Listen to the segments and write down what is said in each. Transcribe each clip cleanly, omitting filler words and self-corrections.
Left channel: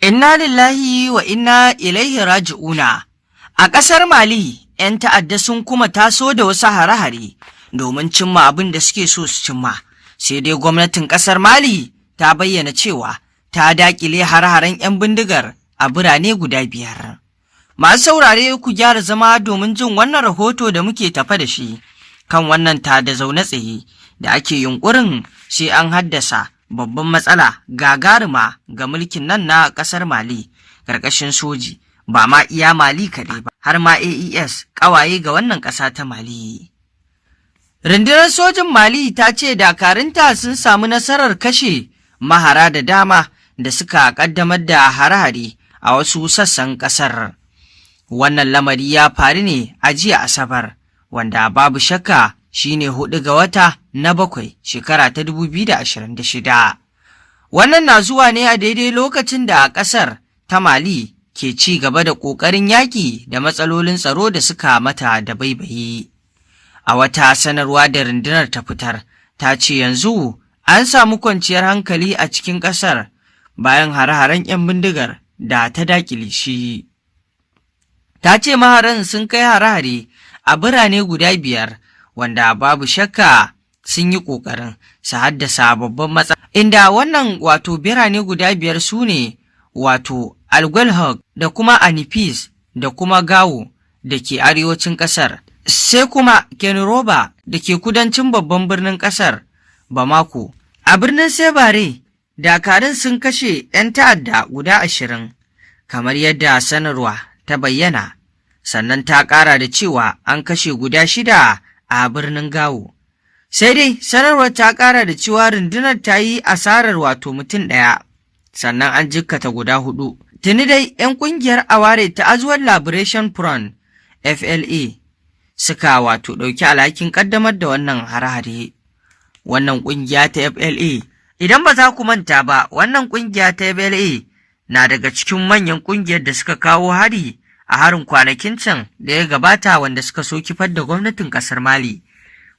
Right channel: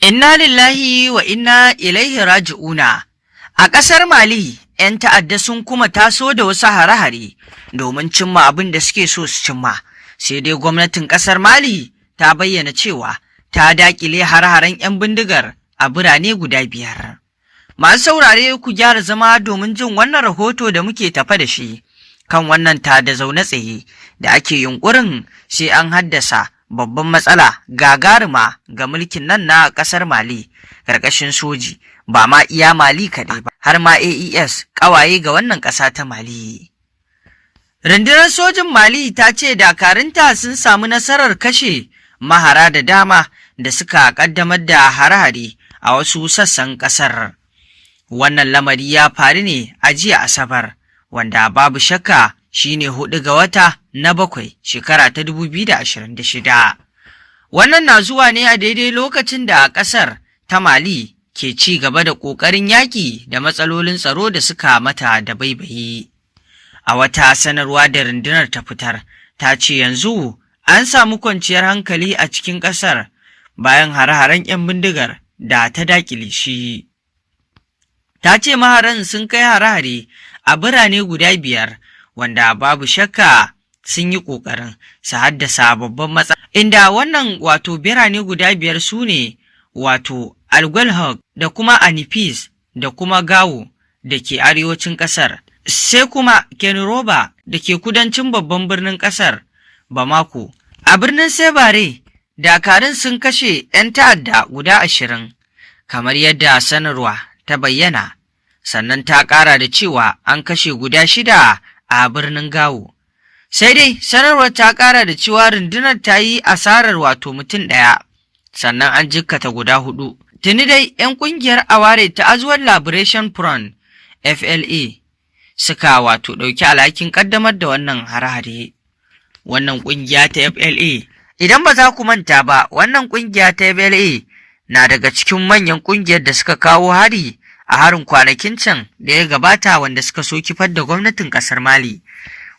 Inna lillahi wa inna ilaihi raji'una. A ƙasar Mali, ‘yan ta'adda sun kuma taso da wasu hare-hare domin cimma abin da suke so su cimma. Sai dai gwamnatin ƙasar Mali ta bayyana cewa ta daƙile hare-haren ‘yan bindigar a birane guda 5. Masu saurare ku gyara zama domin jin wannan rahoto da muke tafa da shi kan wannan tada zaune tsaye da ake yunƙurin sai an haddasa babban matsala gagaruma ga mulkin nan na ƙasar Mali ƙarƙashin soji, ba ma iya Mali kaɗai ba, har ma AES ƙawaye ga wannan ƙasa ta Mali. Rundunar sojin Mali ta ce dakarunta sun samu nasarar kashe mahara da dama da suka ƙaddamar da hare-hare a wasu sassan ƙasar. Wannan lamari ya faru ne a jiya Asabar, wanda babu shakka shine 4 ga wata na 7 shekara ta 2026. Wannan na zuwa ne a daidai lokacin da ƙasar ta Mali ke ci gaba da ƙoƙarin yaƙi da matsalolin tsaro da suka mata da baibayi. A wata sanarwa da rundunar ta fitar, ta ce yanzu an samu kwanciyar hankali a cikin ƙasar bayan hare-haren 'yan bindigar da ta daƙile shi. Ta ce maharan sun kai hare-hare a birane guda 5 wanda babu shakka sun yi ƙoƙarin su haddasa babban matsala. Inda wannan wato birane guda 5 su ne wato Alguelhok da kuma Anifis da kuma Gawo da ke arewacin ƙasar, sai kuma Kenroba da ke kudancin babban birnin ƙasar Bamako. A birnin Sebare, dakarun sun kashe 'yan ta'adda guda 20 kamar yadda sanarwa ta bayyana, sannan ta ƙara da cewa an kashe guda 6 a birnin Gawo. Sai dai sanarwar ta ƙara da cewa rundunar ta yi asarar wato mutum 1, sannan an jikkata guda 4. Tuni dai 'yan ƙungiyar Aware ta Azuwar Liberation Front FLA suka wato ɗauki alhakin ƙaddamar da wannan hare-hare. Wannan ƙungiya ta FLA, idan ba za ku manta ba, wannan ƙungiya ta FLA na daga cikin manyan ƙungiyar da suka kawo hari a harin kwanakin can da ya gabata wanda suka so kifar da gwamnatin ƙasar Mali,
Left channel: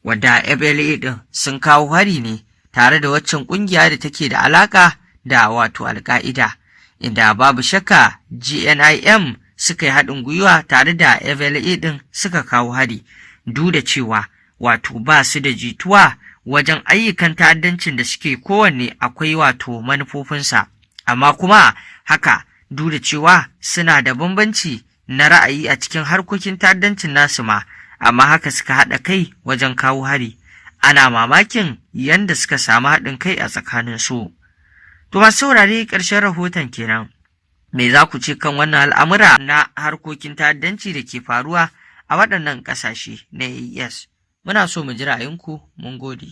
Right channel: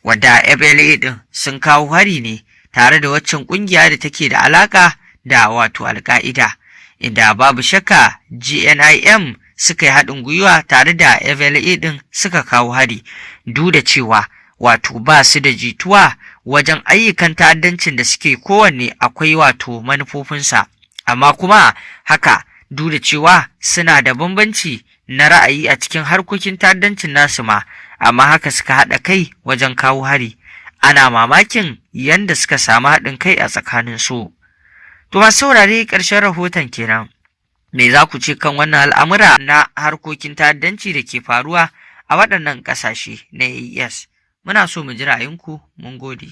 wanda FLA ɗin sun kawo hari ne tare da waccan ƙungiya da take da alaƙa da wato Al-Qaida, inda babu shakka GNIM suka yi haɗin gwiwa tare da FLA ɗin suka kawo hari, duk da cewa wato ba su da jituwa wajen ayyukan ta'addancin da suke kowanne akwai wato manufofinsa, amma kuma haka duk da cewa suna da bambanci na ra'ayi a cikin harkokin ta'addancin nasu ma, amma haka suka haɗa kai wajen kawo hari. Ana mamakin yanda suka samu haɗin kai a tsakanin su. To masu saurare, ƙarshen rahoton kenan. Me za ku ce kan wannan al'amura na harkokin ta'addanci da ke faruwa a waɗannan ƙasashe na AES? Muna so mu ji ra'ayinku. Mun gode.